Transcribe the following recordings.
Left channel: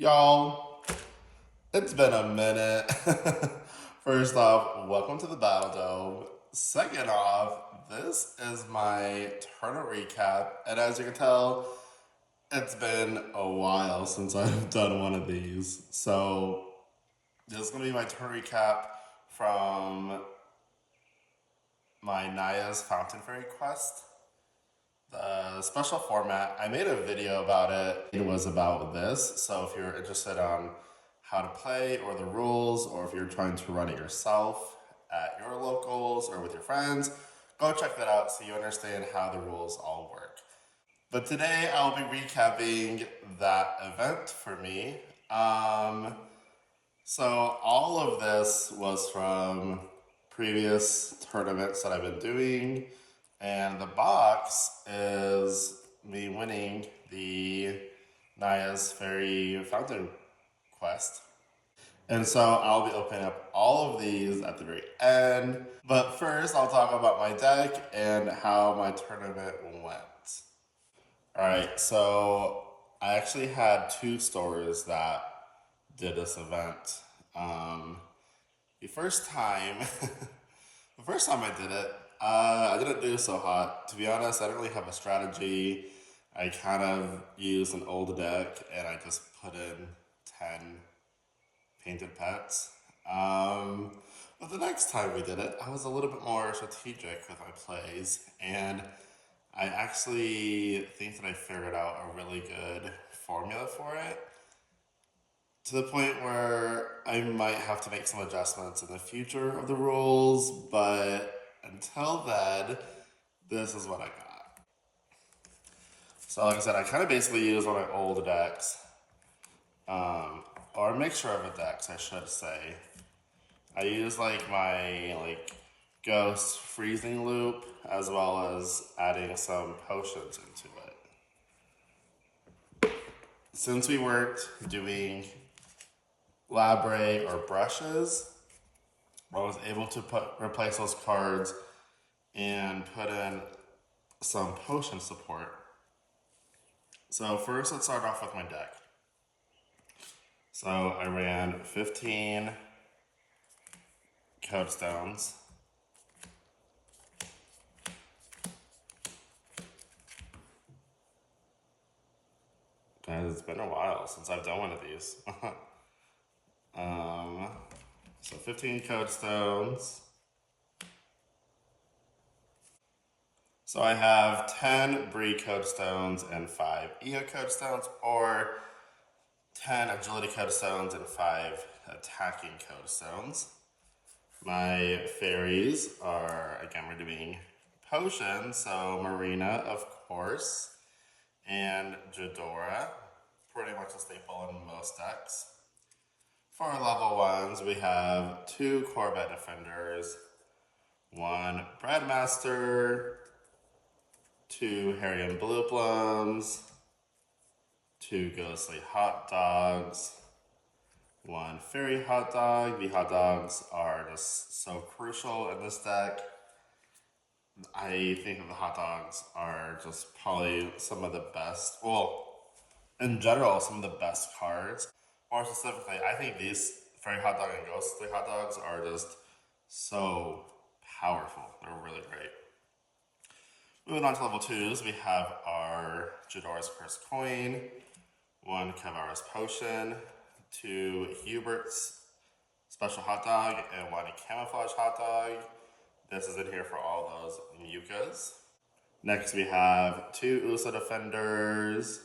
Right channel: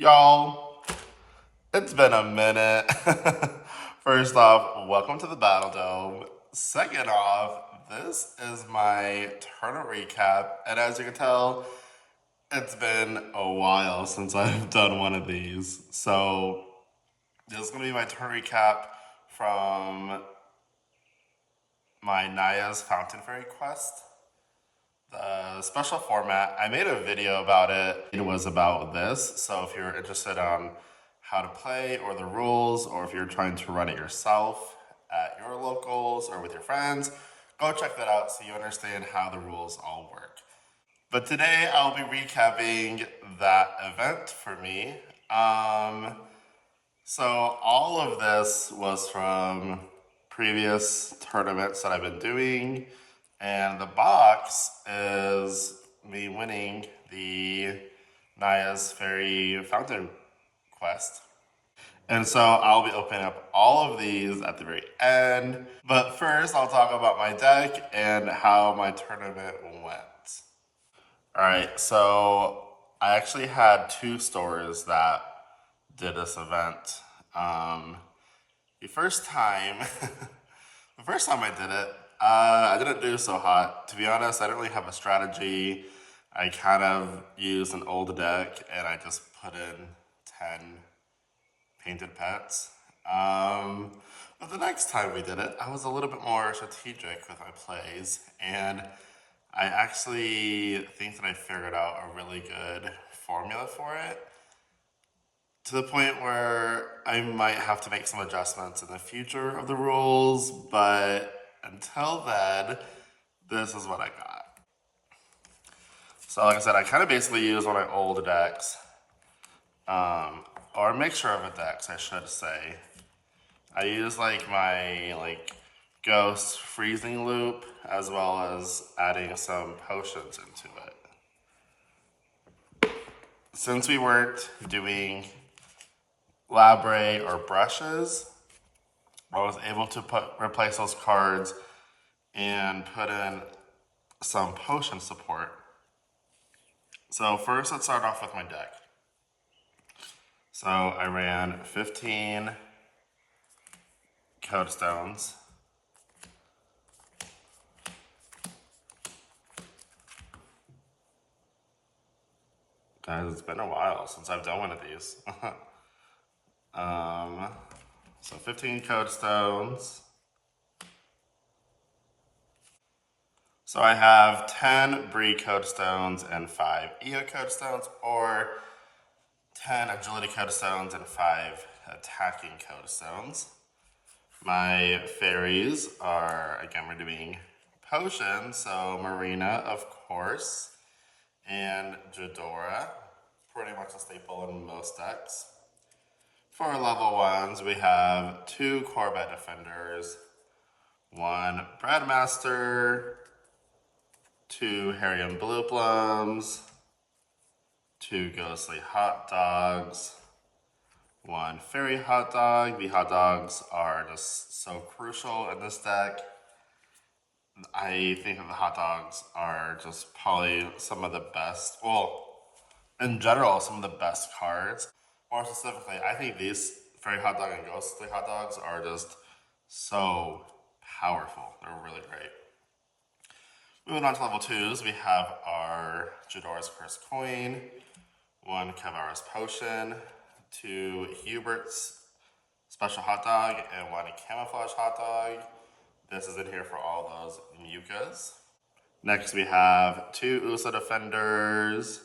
Y'all, it's been a minute. First off, welcome to the Battle Dome. Second off, this is my tournament recap, and as you can tell, it's been a while since I've done one of these. So this is going to be my tournament recap from my NAIA'S Fountain Faerie quest. The special format, I made a video about it. It was about this, so if you're interested on how to play or the rules, or if you're trying to run it yourself at your locals or with your friends, go check that out so you understand how the rules all work. But today I'll be recapping that event for me. So all of this was from previous tournaments that I've been doing, and the box is me winning the NAIA'S Fairy Fountain quest. And so I'll be opening up all of these at the very end. But first, I'll talk about my deck and how my tournament went. All right, so I actually had two stores that did this event. The first time I did it, I didn't do so hot. To be honest, I didn't really have a strategy. I kind of used an old deck and I just put in 10 painted pets. But the next time we did it, I was a little bit more strategic with my plays, and I actually think that I figured out a really good formula for it, to the point where I might have to make some adjustments in the future of the rules, but until then, this is what I got. So like I said, I kind of basically use one of my old decks, or a mixture of decks, I should say. I use like my ghost freezing loop, as well as adding some potions into it. Since we weren't doing Labre or brushes, I was able to replace those cards and put in some potion support. So first, let's start off with my deck. So I ran 15 Code Stones. Guys, it's been a while since I've done one of these. So 15 Code Stones. So I have 10 Bree Code Stones and 5 EO Code Stones, or 10 Agility Code Stones and 5 Attacking Code Stones. My fairies are, again, we're doing potions, so Marina, of course, and Jadora, pretty much a staple in most decks. For level 1s, we have 2 Corvette Defenders, 1 Breadmaster, 2 Harrium Blue Plums, 2 Ghostly Hot Dogs, 1 Fairy Hot Dog. The hot dogs are just so crucial in this deck. I think that the hot dogs are just probably some of the best, well, in general, some of the best cards. More specifically, I think these Fairy Hot Dog and Ghostly Hot Dogs are just so powerful. They're really great. Moving on to level 2s, we have our Jadora's Cursed Coin, 1 Cavara's Potion, 2 Hubert's Special Hot Dog, and 1 Camouflage Hot Dog. This is in here for all those mucas. Next we have 2 Usa Defenders,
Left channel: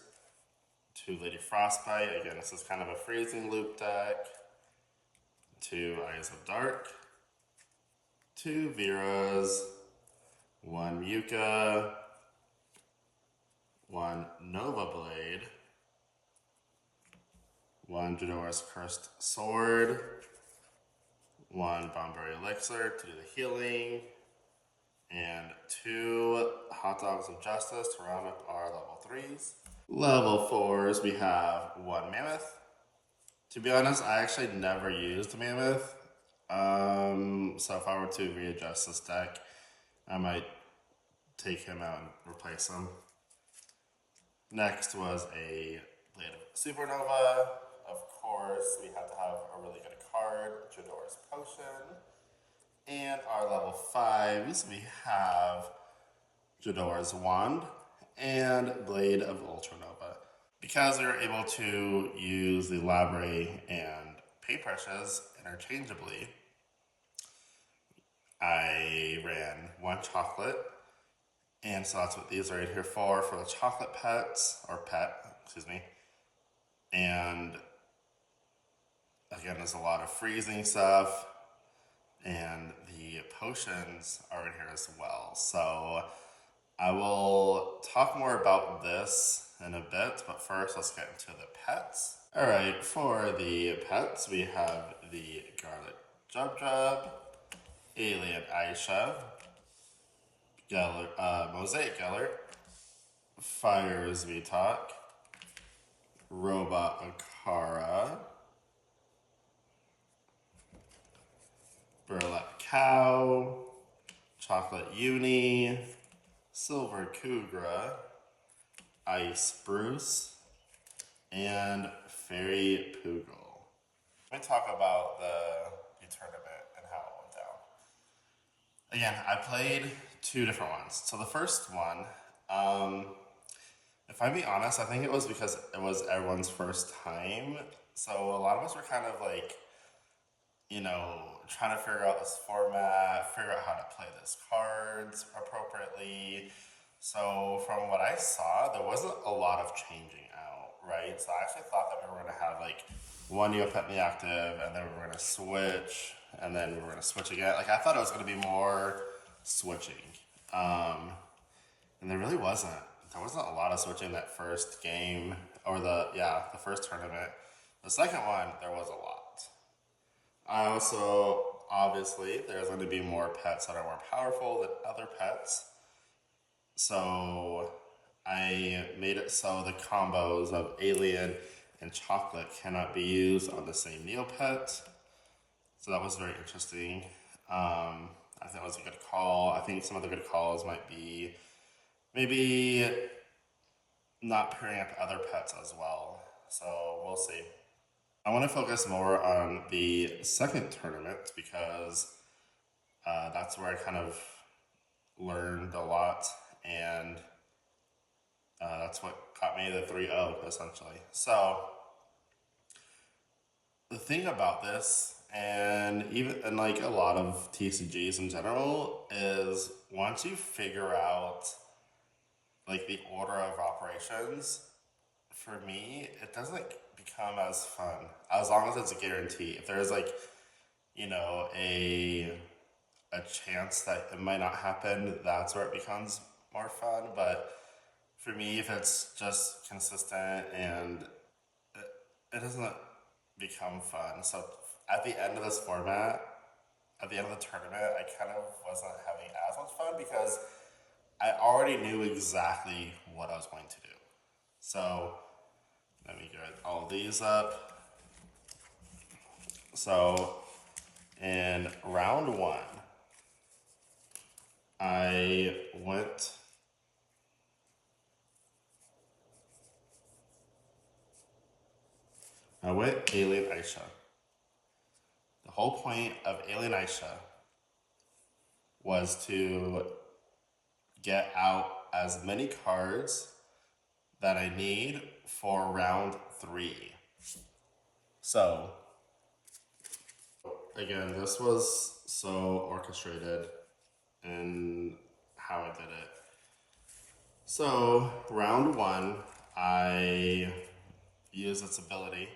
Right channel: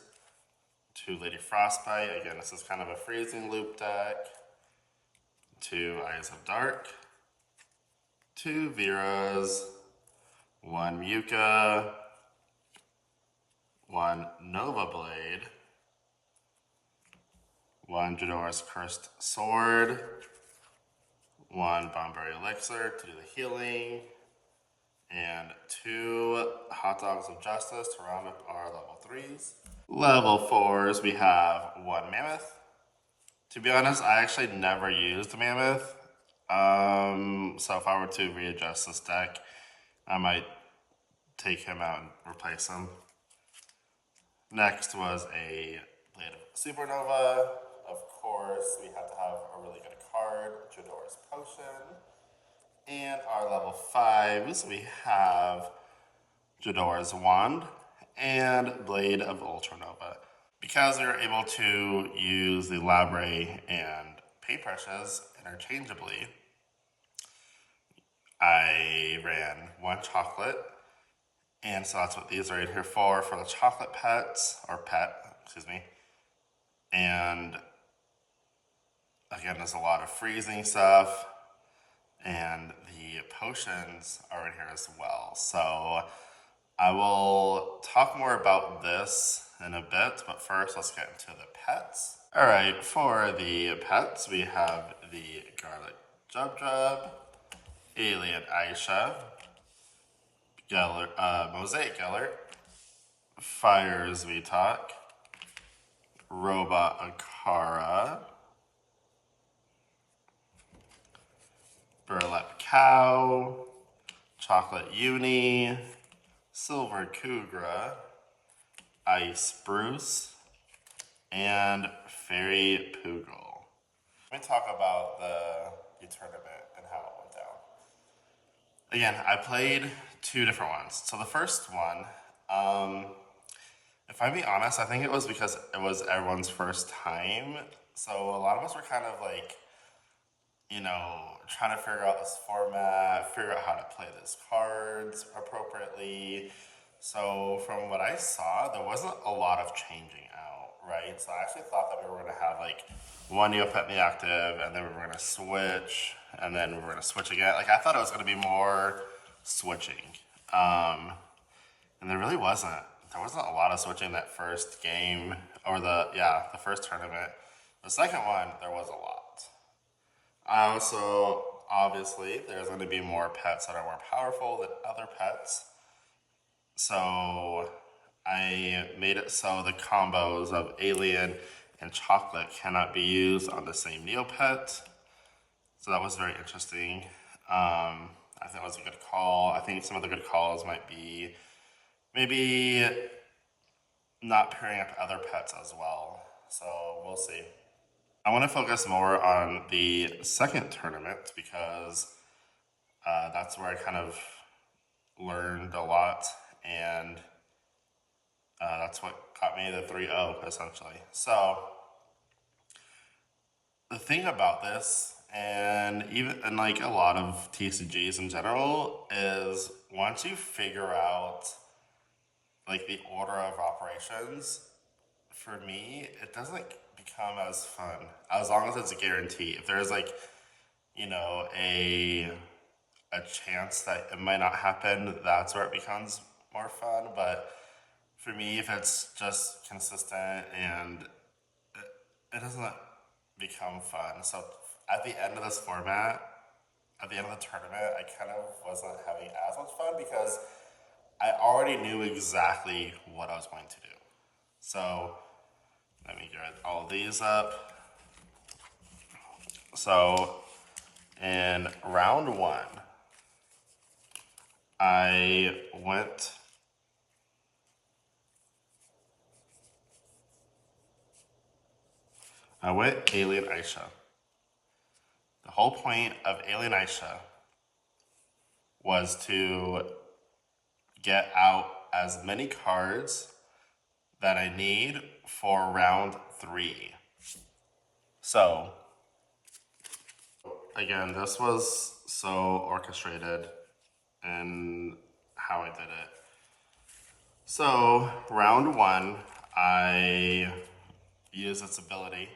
2 Lady Frostbite. Again, this is kind of a freezing loop deck. 2 Eyes of Dark, 2 Veras, 1 Muka, 1 Nova Blade, 1 Jadora's Cursed Sword, 1 Bomberry Elixir to do the healing, and 2 Hot Dogs of Justice to round up our level 3s. Level 4s, we have 1 Mammoth. To be honest, I actually never used the Mammoth. So if I were to readjust this deck, I might take him out and replace him. Next was a Blade of Supernova, of Cabaret's Potion. And our level 5s, we have Jadora's Wand and Blade of Ultranova. Because we were able to use the Labre and paintbrushes interchangeably, I ran one chocolate, and so that's what these are right here for the chocolate pets, or pet, excuse me. And again, there's a lot of freezing stuff, and the potions are in here as well. So I will talk more about this in a bit, but first let's get into the pets. All right, for the pets, we have the Garlic Jub, Alien Aisha, Mosaic Gellert, Fires We Talk, Robot Akara, Burlap Cow, Chocolate Uni, Silver Kugra, Ice Bruce, and Fairy Poogle. Let me talk about the tournament and how it went down. Again, I played two different ones. So the first one, if I be honest, I think it was because it was everyone's first time. So a lot of us were kind of like, you know, trying to figure out this format, figure out how to play these cards appropriately. So from what I saw, there wasn't a lot of changing out, right? So I actually thought that we were going to have like one Neopet in the active, and then we were going to switch, and then we were going to switch again. Like I thought it was going to be more switching, and there really wasn't. There wasn't a lot of switching that first game, or the first tournament. The second one, there was a lot. So obviously there's going to be more pets that are more powerful than other pets. So I made it so the combos of Alien and Chocolate cannot be used on the same Neopet. So that was very interesting. I think that was a good call. I think some of the good calls might be maybe not pairing up other pets as well. So we'll see. I want to focus more on the second tournament because that's where I kind of learned a lot, and that's what got me the 3-0 essentially. So the thing about this, and like a lot of TCGs in general, is once you figure out like the order of operations, for me, it doesn't become as fun as long as it's a guarantee. If there's like, you know, a chance that it might not happen, that's where it becomes more fun. But for me, if it's just consistent and it doesn't become fun. So at the end of this format, at the end of the tournament, I kind of wasn't having as much fun because I already knew exactly what I was going to do. So let me get all of these up. So in round 1, I went Alien Aisha. The whole point of Alien Aisha was to get out as many cards that I need for round 3. So again, this was so orchestrated in how I did it. So round 1, I used its ability,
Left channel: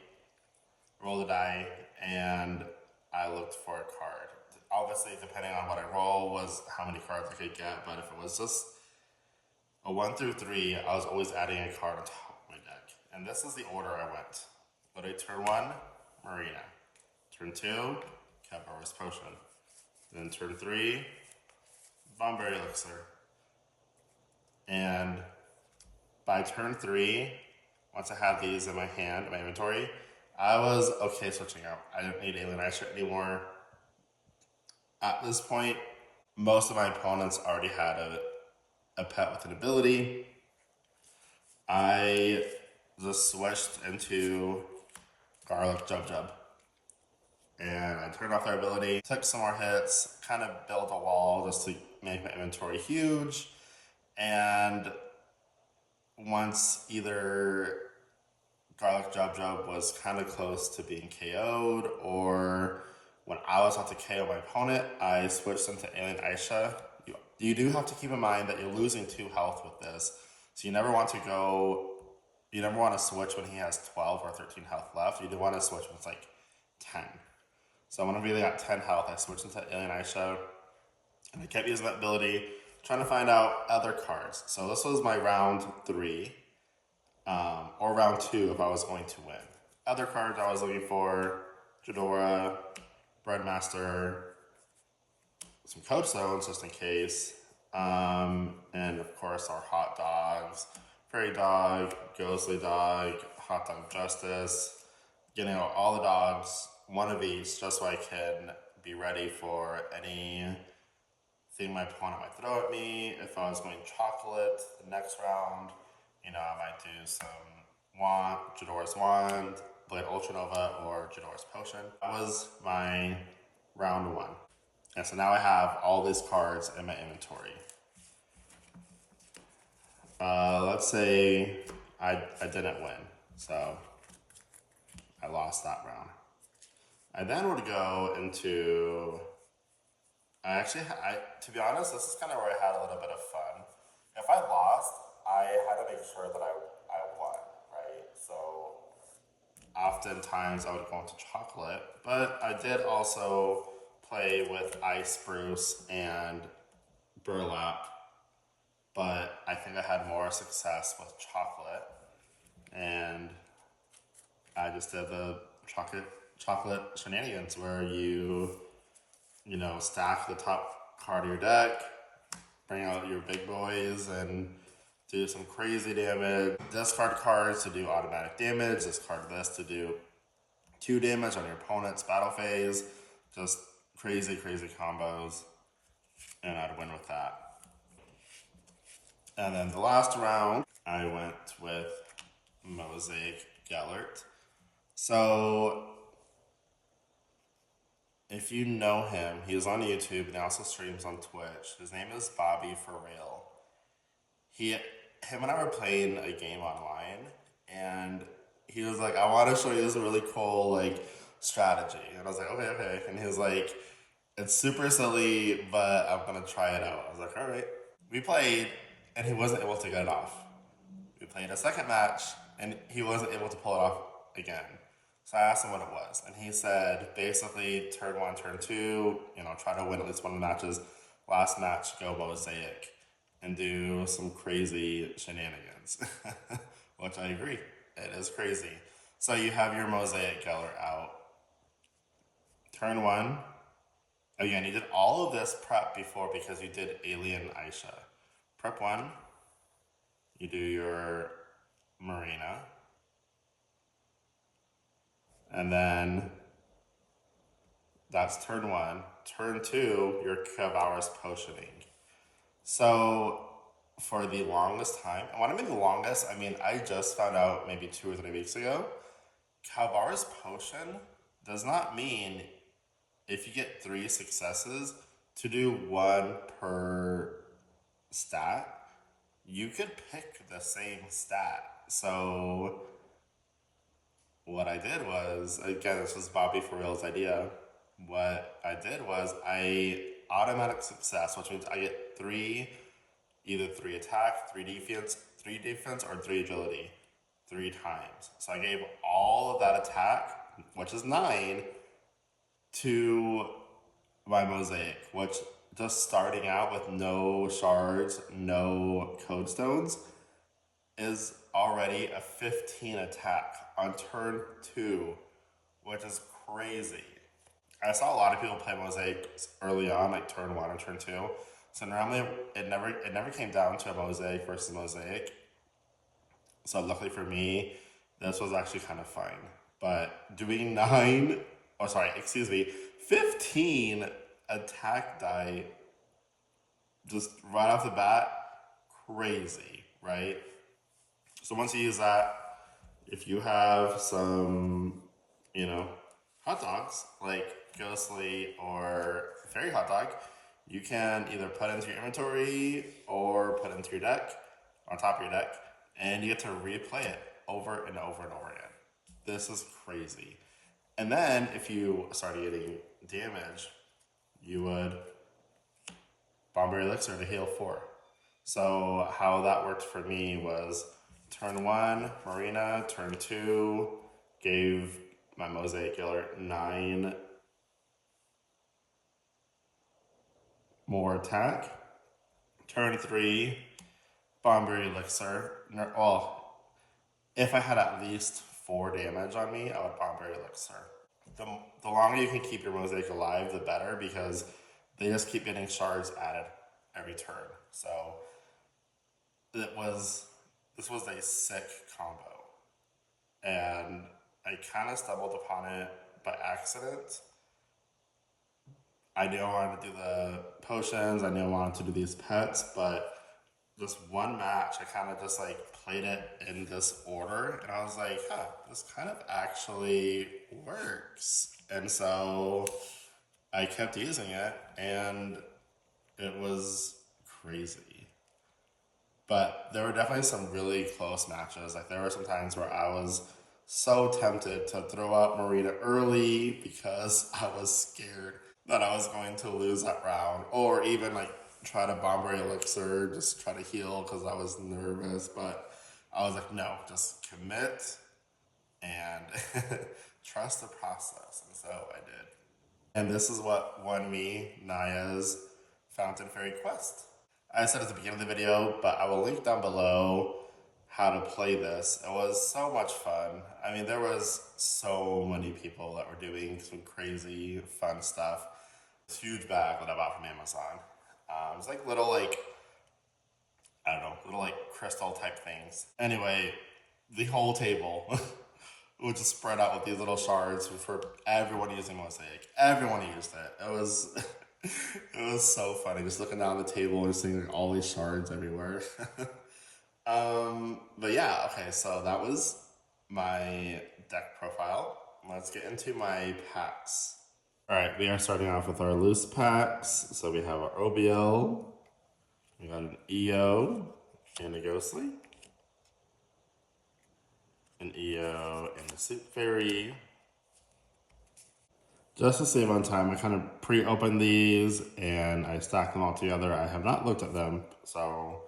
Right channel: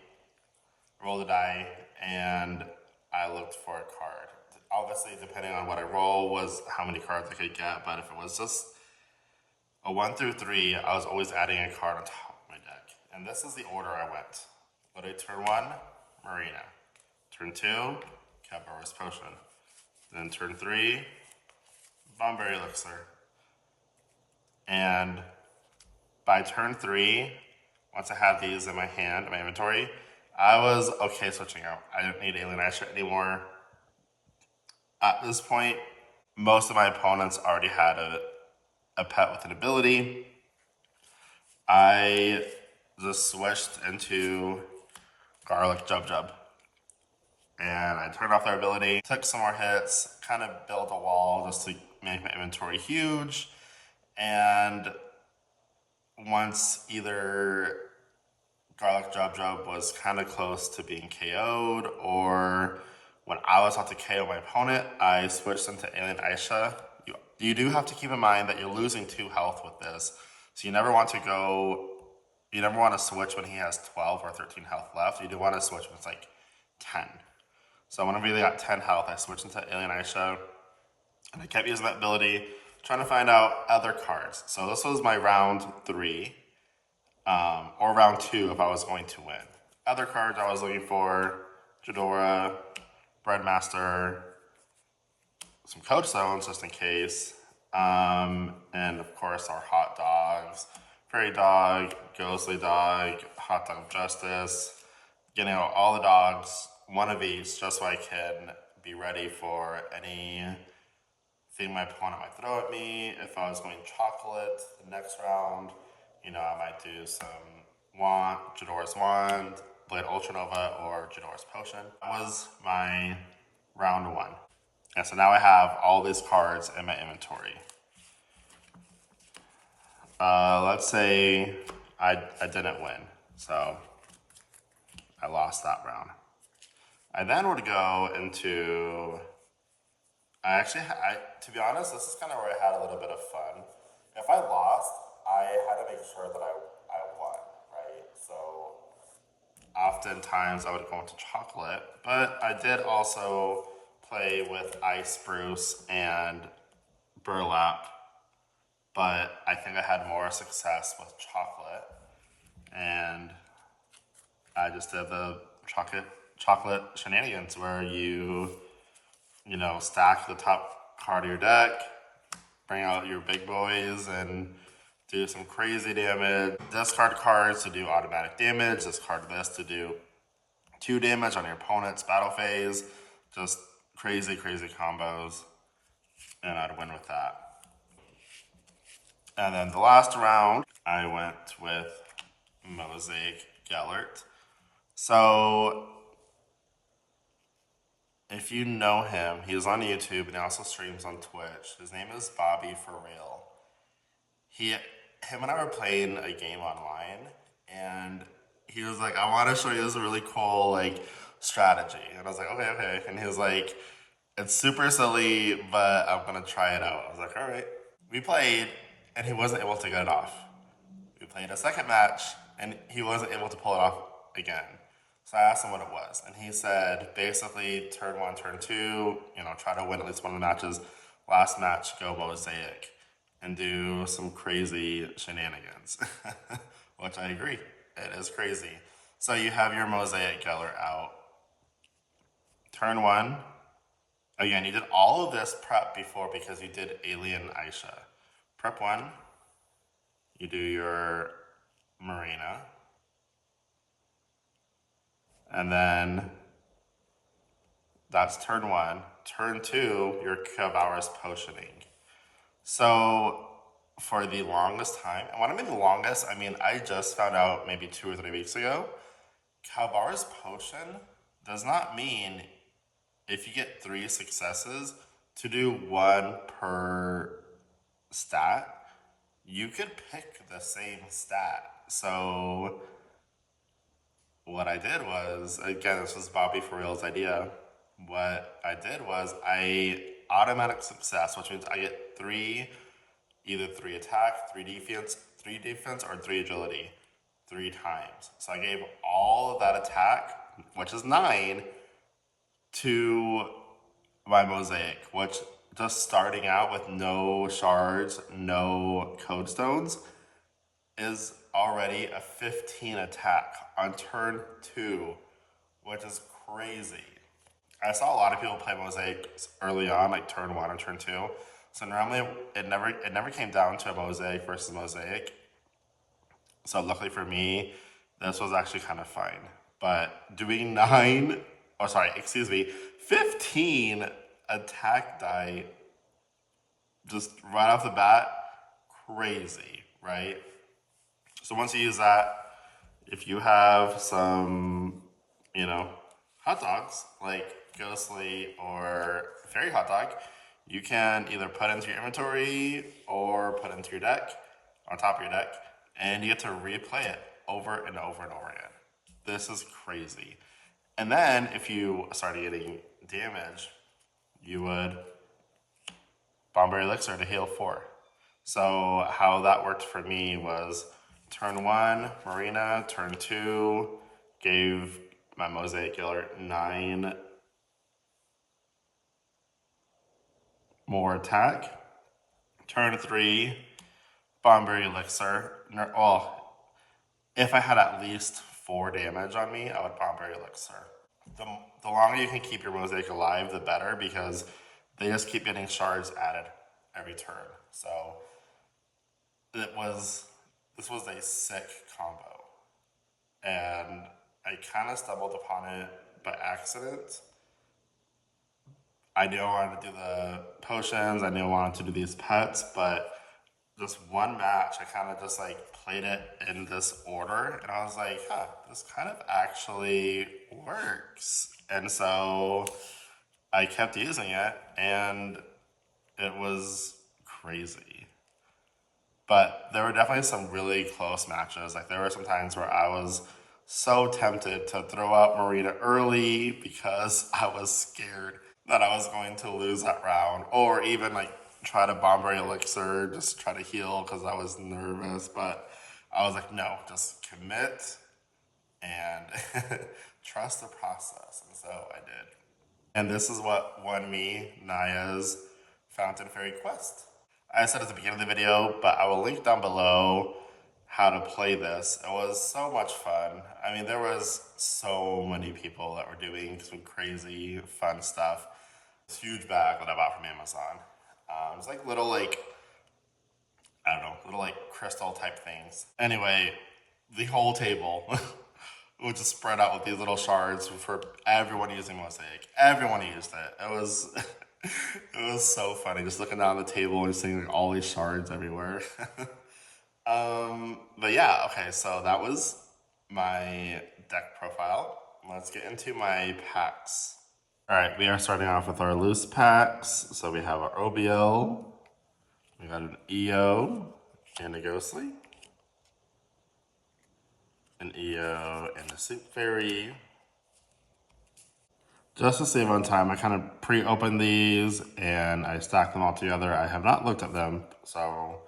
roll the die, and I looked for a card. Obviously, depending on what I roll was how many cards I could get, but if it was just a 1 through 3, I was always adding a card on top of my deck. And this is the order I went. But I turn 1, Marina. Turn 2, Cabaret's Potion. Then turn 3, Bomberry Elixir. And by turn 3, once I had these in my hand, in my inventory, I was okay switching out. I didn't need Alien Aisha anymore. At this point, most of my opponents already had a pet with an ability. I just switched into Garlic Jub. and I turned off their ability, took some more hits, kind of built a wall just to make my inventory huge. And once either Garlic Jub was kind of close to being KO'd, or when I was about to KO my opponent, I switched into Alien Aisha. You do have to keep in mind that you're losing 2 health with this, so you never want to switch when he has 12 or 13 health left. You do want to switch when it's like 10. So whenever he got 10 health, I switched into Alien Aisha, and I kept using that ability, trying to find out other cards. So this was my round 3, or round 2 if I was going to win. Other cards I was looking for: Ghidorah, Breadmaster, some Code Stones just in case, and of course our hot dogs: Fairy Dog, Ghostly Dog, Hot Dog Justice. Getting out all the dogs, one of each, just so I can be ready for anything my opponent might throw at me. If I was going chocolate the next round, I might do some Ghidorah's Wand, Blade Ultranova, or Ghidorah's Potion. That was my round 1. And so now I have all these cards in my inventory. Let's say I didn't win, so I lost that round. I then would go into, to be honest, this is kind of where I had a little bit of fun. If I lost, I had to make sure that I won, right? So oftentimes I would go into chocolate, but I did also play with Ice Spruce and Burlap, but I think I had more success with chocolate, and I just did the chocolate shenanigans where you stack the top card of your deck, bring out your big boys, and do some crazy damage. Discard cards to do automatic damage, discard this to do 2 damage on your opponent's battle phase. Just crazy combos, and I'd win with that. And then the last round, I went with Mosaic Gellert. So if you know him, he's on YouTube and he also streams on Twitch. His name is Bobby For Real. Him and I were playing a game online, and he was like, I want to show you this really cool strategy. And I was like, okay. And he was like, it's super silly, but I'm gonna try it out. I was like, all right. We played, and he wasn't able to get it off. We played a second match, and he wasn't able to pull it off again. So I asked him what it was, and he said, basically, turn 1, turn 2, try to win at least one of the matches. Last match, go Mosaic, and do some crazy shenanigans, which I agree, it is crazy. So you have your Mosaic Geller out. Turn 1, again, you did all of this prep before because you did Alien Aisha. Prep 1, you do your Marina, and then that's turn 1. Turn 2, your Cavalra's Potioning. So for the longest time, and when I mean the longest, I mean I just found out maybe 2 or 3 weeks ago, Cavalra's Potion does not mean if you get 3 successes to do 1 per stat. You could pick the same stat. So what I did was, again, this was Bobby For Real's idea. What I did was I automatic success, which means I get either 3 attack, 3 defense, or 3 agility 3 times. So I gave all of that attack, which is 9, to my Mosaic, which just starting out with no shards, no code stones, is already a 15 attack on turn 2, which is crazy. I saw a lot of people play Mosaic early on, like turn 1 or turn 2. So normally it never came down to a Mosaic versus Mosaic. So luckily for me, this was actually kind of fine. But doing 15 attack die just right off the bat, crazy, right? So once you use that, if you have some, hot dogs, like Ghostly or Fairy Hot Dog, you can either put into your inventory or put into your deck, on top of your deck, and you get to replay it over and over and over again. This is crazy. And then if you started getting damage, you would Bomber Elixir to heal 4. So how that worked for me was turn 1, Marina, turn 2, gave my Mosaic Killer 9 more attack. Turn 3, Bomber Elixir. Well, if I had at least 4 damage on me, I would Bomber Elixir. The longer you can keep your Mosaic alive, the better, because they just keep getting shards added every turn. So this was a sick combo. And I kind of stumbled upon it by accident. I knew I wanted to do the potions, I knew I wanted to do these pets, but this one match, I kind of just like played it in this order, and I was like, huh, this kind of actually works. And so I kept using it, and it was crazy. But there were definitely some really close matches. Like there were some times where I was so tempted to throw out Marina early because I was scared that I was going to lose that round, or even like try to Bomber Elixir, just try to heal because I was nervous. But I was like, no, just commit and trust the process. And so I did. And this is what won me NAIA'S Fountain Faerie quest. I said at the beginning of the video, but I will link down below how to play this. It was so much fun. I mean, there was so many people that were doing some crazy fun stuff. This huge bag that I bought from Amazon. It was like little I don't know, little like crystal type things. Anyway, the whole table would just spread out with these little shards for everyone using Mosaic. Everyone used it. It was it was so funny just looking down the table and seeing like all these shards everywhere. But yeah, okay, so that was my deck profile. Let's get into my packs. All right, we are starting off with our loose packs. So we have our OBL, we got an EO and a Ghostly, an EO and a Fountain Faerie. Just to save on time, I kind of pre-opened these and I stacked them all together. I have not looked at them, so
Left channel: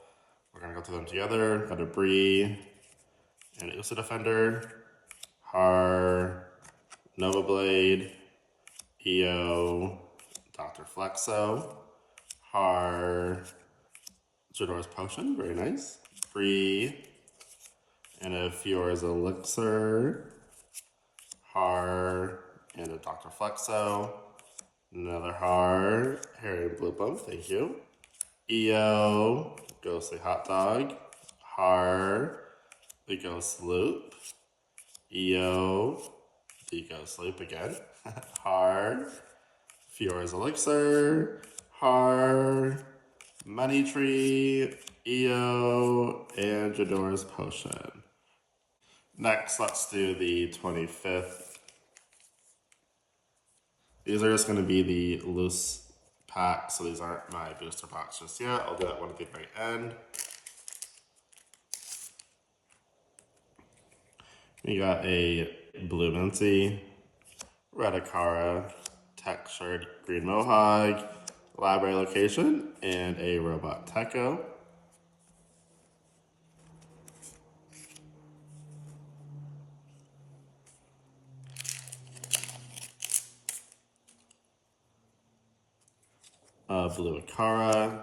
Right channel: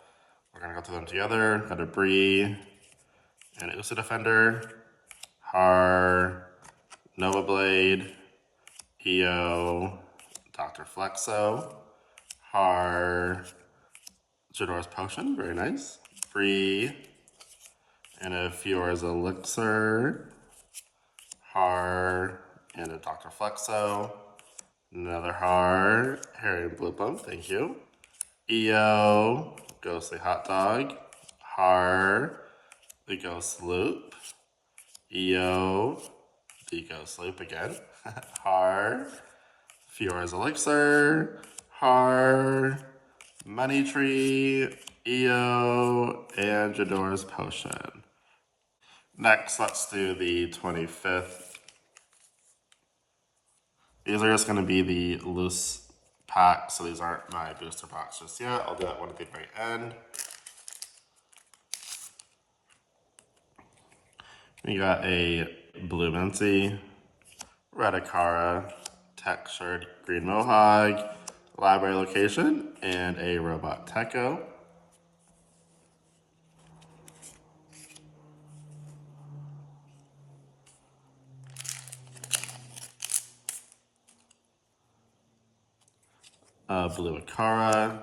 we're gonna go through them together. Got a Bree, an Usa Defender, Har, Nova Blade, EO, Dr. Flexo, Har, Jadora's Potion, very nice, Bree, and a Fiora's Elixir, Har, and a Dr. Flexo, another Har, Harry and Blue Bump, thank you, EO, Ghostly Hot Dog, Har, the Ghost Loop, EO, the Ghost Loop again, Har, Fiora's Elixir, Har, Money Tree, EO, and Jadora's Potion. Next, let's do the 25th. These are just going to be the loose packs, so these aren't my booster packs just yet. I'll do that one at the very end. We got a Blue Mincy, Red Akara, Textured Green Mohawk, Library Location, and a Robot Techo. Blue Akara,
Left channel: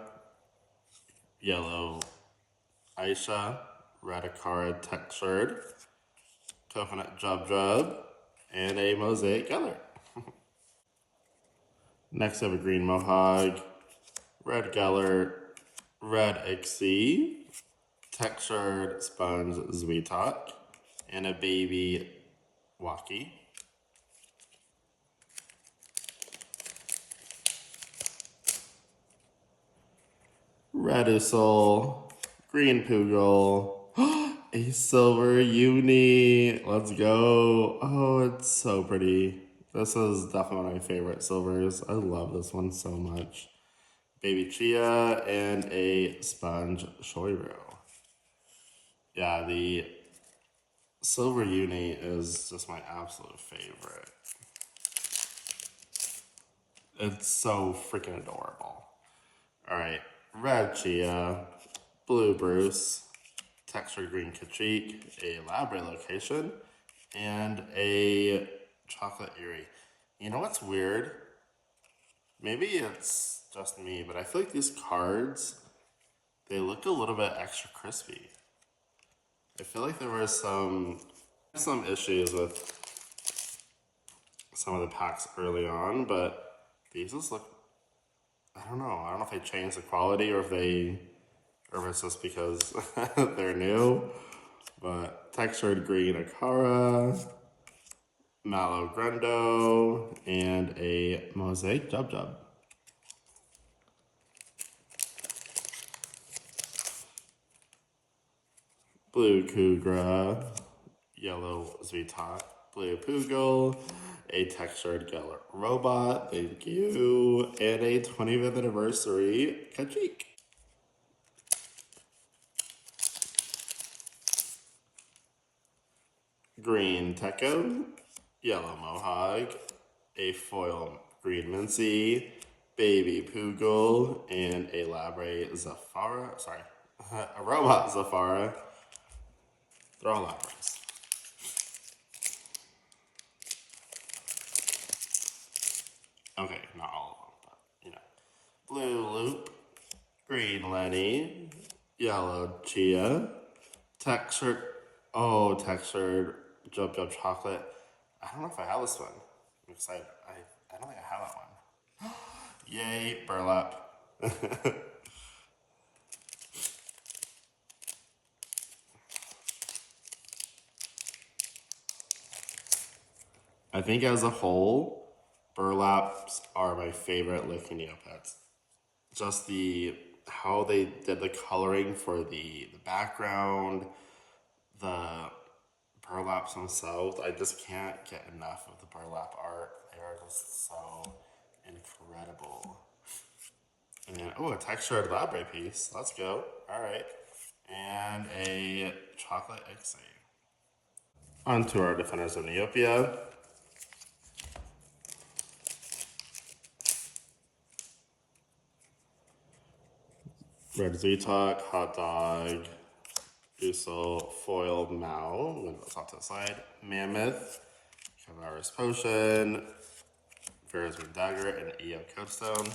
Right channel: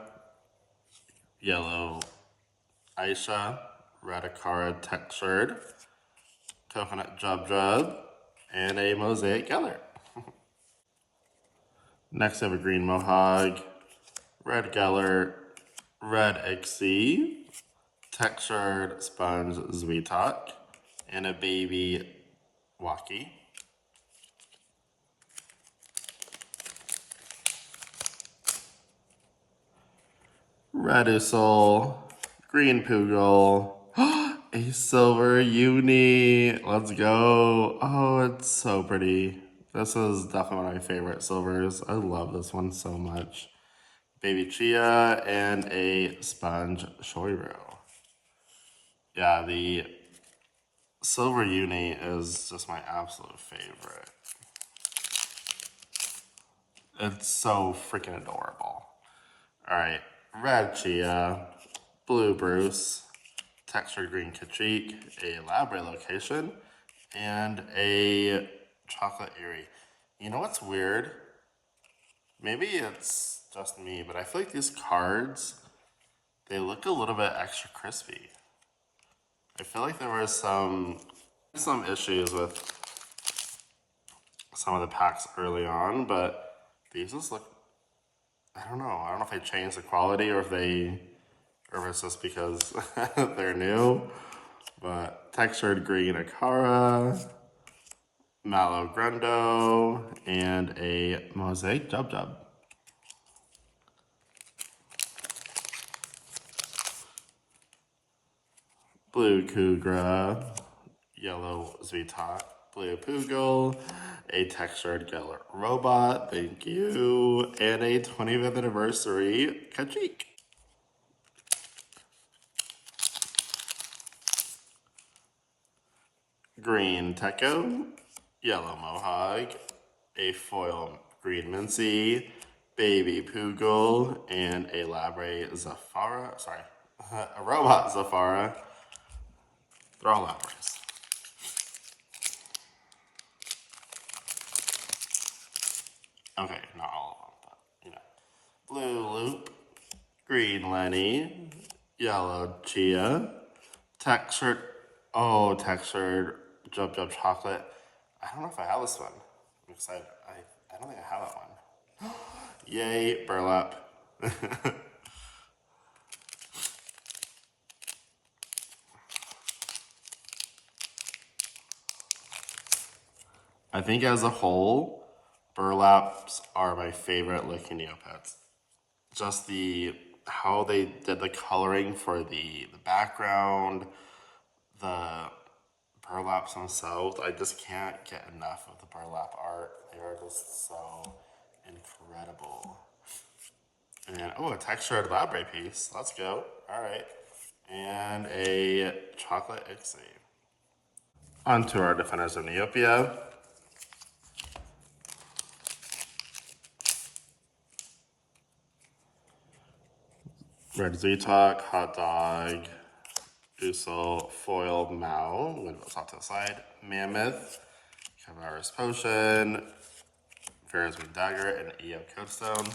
Yellow Aisha, Red Akara Textured, Coconut Jub, and a Mosaic Geller. Next, I have a Green Mohawk, Red Geller, Red Ixie, Textured Sponge Zweetok, and a Baby Walkie. Red Usul, Green Poogle, a Silver Uni, let's go. Oh, it's so pretty. This is definitely one of my favorite silvers. I love this one so much. Baby Chia and a sponge shoiro. Yeah, the silver uni is just my absolute favorite. It's so freaking adorable. Alright, red Chia, blue Bruce, textured green Kachik, a Labre location, and a chocolate Eerie. You know what's weird? Maybe it's just me, but I feel like these cards, they look a little bit extra crispy. I feel like there were some issues with some of the packs early on, but these just look, I don't know if they changed the quality or if it's just because they're new. But textured green Akara, Mallow Grundo, and a Mosaic Jub Jub. Blue Kugra, yellow Zvitot, blue Poogle, a textured Geller Robot, thank you, and a 25th anniversary Kachik. Green Techo, yellow Mohawk, a foil green Mincy, baby Poogle, and a Labre Zafara, sorry, a robot Zafara. They're all Labres. Okay, not all of them, but you know. Blue Loop, green Lenny, yellow Chia, textured Jub Jub Chocolate. I don't know if I have this one. Because I don't think I have that one. Yay, burlap. I think as a whole, burlaps are my favorite looking Neopets. Just how they did the coloring for the background, the burlaps themselves. I just can't get enough of the burlap art. They are just so incredible. And oh, a textured Labre piece. Let's go. All right. And a chocolate Ixie. On to our defenders of Neopia. Red Ztok, Hot Dog, Uso, Foiled Mao, I'm gonna go top to the side, Mammoth, Cavalrus Potion, Ferris Dagger, and EO Codestone.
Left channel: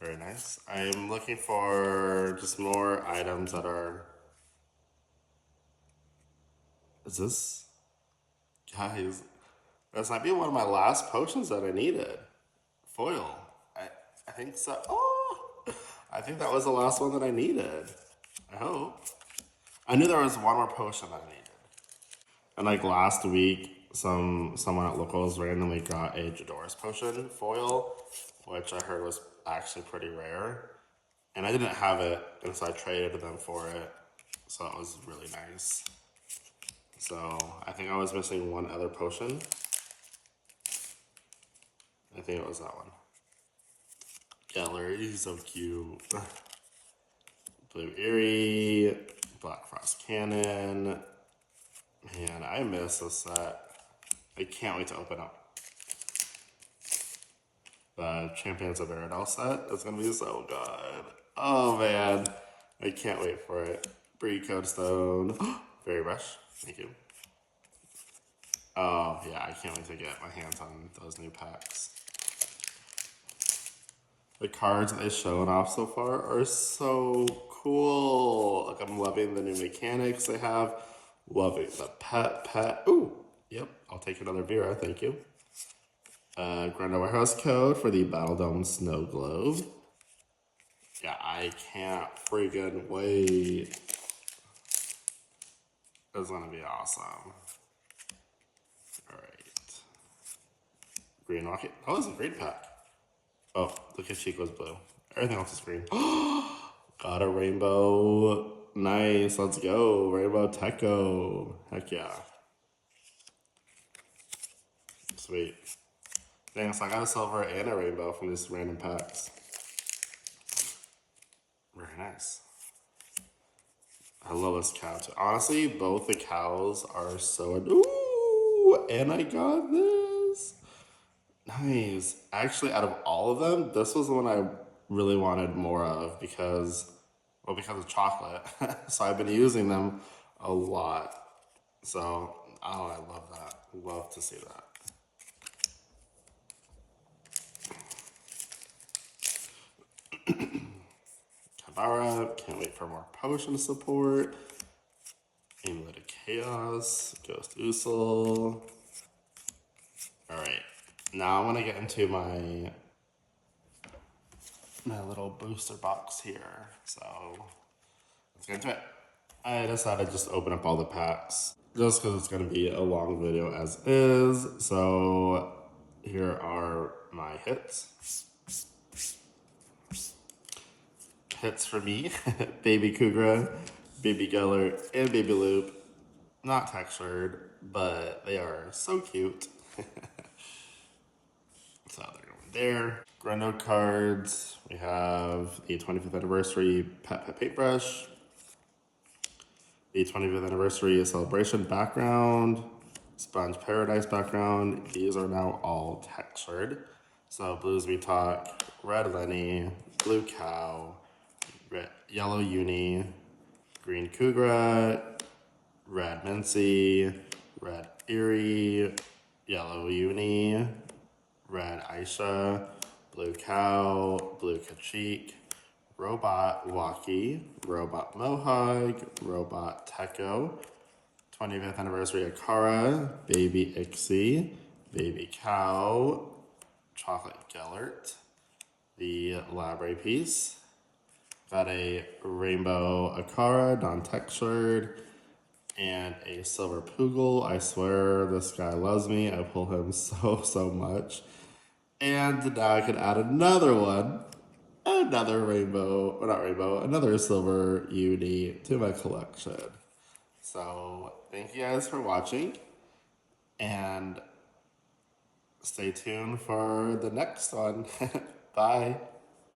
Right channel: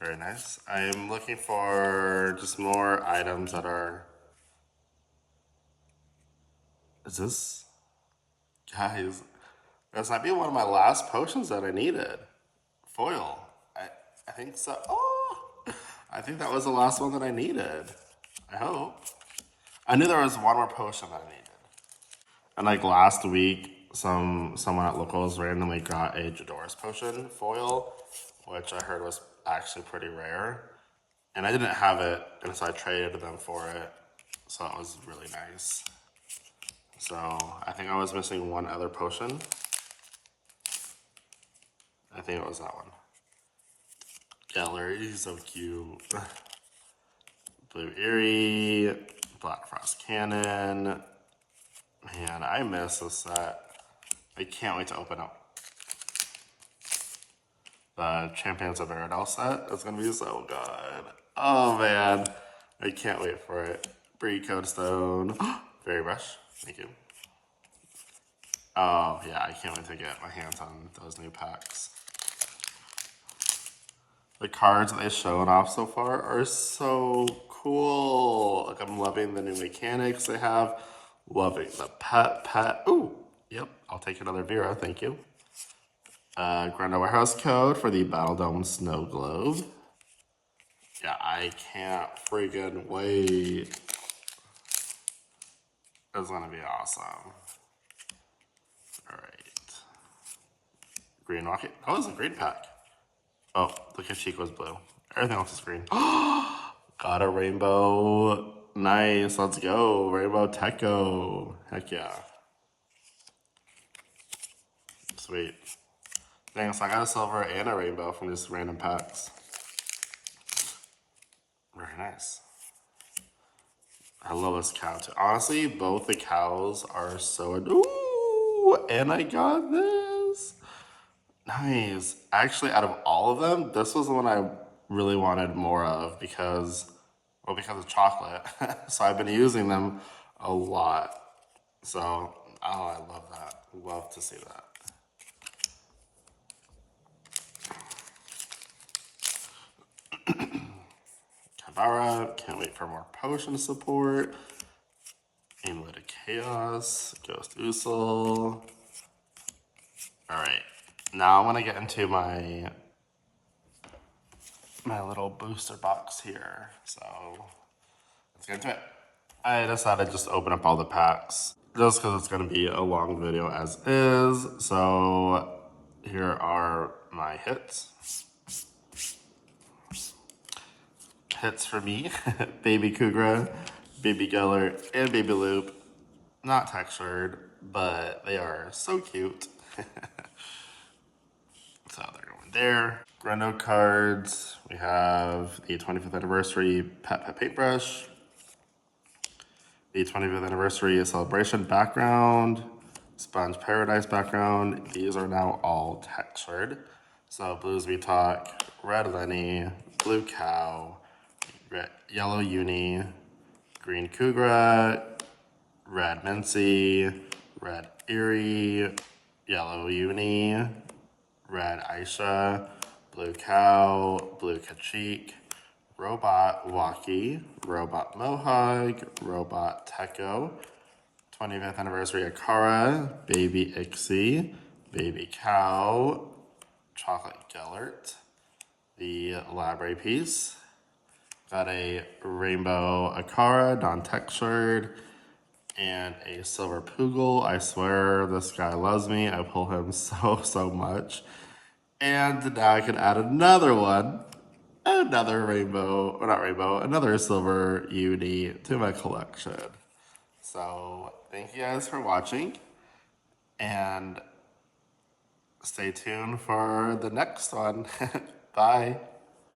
Very nice. I am looking for just more items that are. Is this? Guys, this might be one of my last potions that I needed. Foil. I think so. Oh! I think that was the last one that I needed. I hope. I knew there was one more potion that I needed. And like last week, someone at Locals randomly got a Jadora's potion foil, which I heard was actually pretty rare. And I didn't have it, and so I traded them for it. So it was really nice. So I think I was missing one other potion. I think it was that one. Gallery, he's so cute. Blue Eerie, Black Frost Cannon. Man, I miss this set. I can't wait to open up the Champions of Aradel set. It's gonna be so good. Oh man, I can't wait for it. Bree Codestone, Fairy Brush, thank you. Oh yeah, I can't wait to get my hands on those new packs. The cards that they've shown off so far are so cool. Like I'm loving the new mechanics they have. Loving the pet. Ooh, yep, I'll take another Vera, thank you. Grundo Warehouse code for the Battle Dome Snow Globe. Yeah, I can't freaking wait. It's gonna be awesome. Alright. Green Rocket. Oh, it's a green pack. Oh, the Kachik was blue. Everything else is green. Got a rainbow. Nice, let's go. Rainbow Techo. Heck yeah. Sweet. Dang, so I got a silver and a rainbow from these random packs. Very nice. I love this cow too. Honestly, both the cows are so... Ooh! And I got this! Nice. Actually, out of all of them, this was the one I really wanted more of because of chocolate. So I've been using them a lot. So, oh, I love that. Love to see that. Kavara, can't wait for more potion support. Amulet of Chaos, Ghost Usul. Alright, now I want to get into my little booster box here. So, let's get into it. I decided to just open up all the packs just because it's going to be a long video as is. So, here are my hits. Hits for me, Baby Kugra, Baby Gellert, and Baby Loop. Not textured, but they are so cute. So they're going there. Greno cards. We have the 25th anniversary Pet Paintbrush. The 25th anniversary celebration background. Sponge Paradise background. These are now all textured. So Blues We Talk, Red Lenny, Blue Cow, Red, Yellow Uni, Green Kugra, Red Mincy, Red Eerie, Yellow Uni, Red Aisha, Blue Cow, Blue Kachik, Robot Walkie, Robot Mohawk, Robot Teko, 25th anniversary Akara, Baby Ixie, Baby Cow, Chocolate Gellert, the Library piece. Got a rainbow Akara, non-textured, and a silver Poogle. I swear this guy loves me. I pull him so much. And now I can add another one, another rainbow, or not rainbow, another silver uni to my collection. So thank you guys for watching, and stay tuned for the next one. Bye.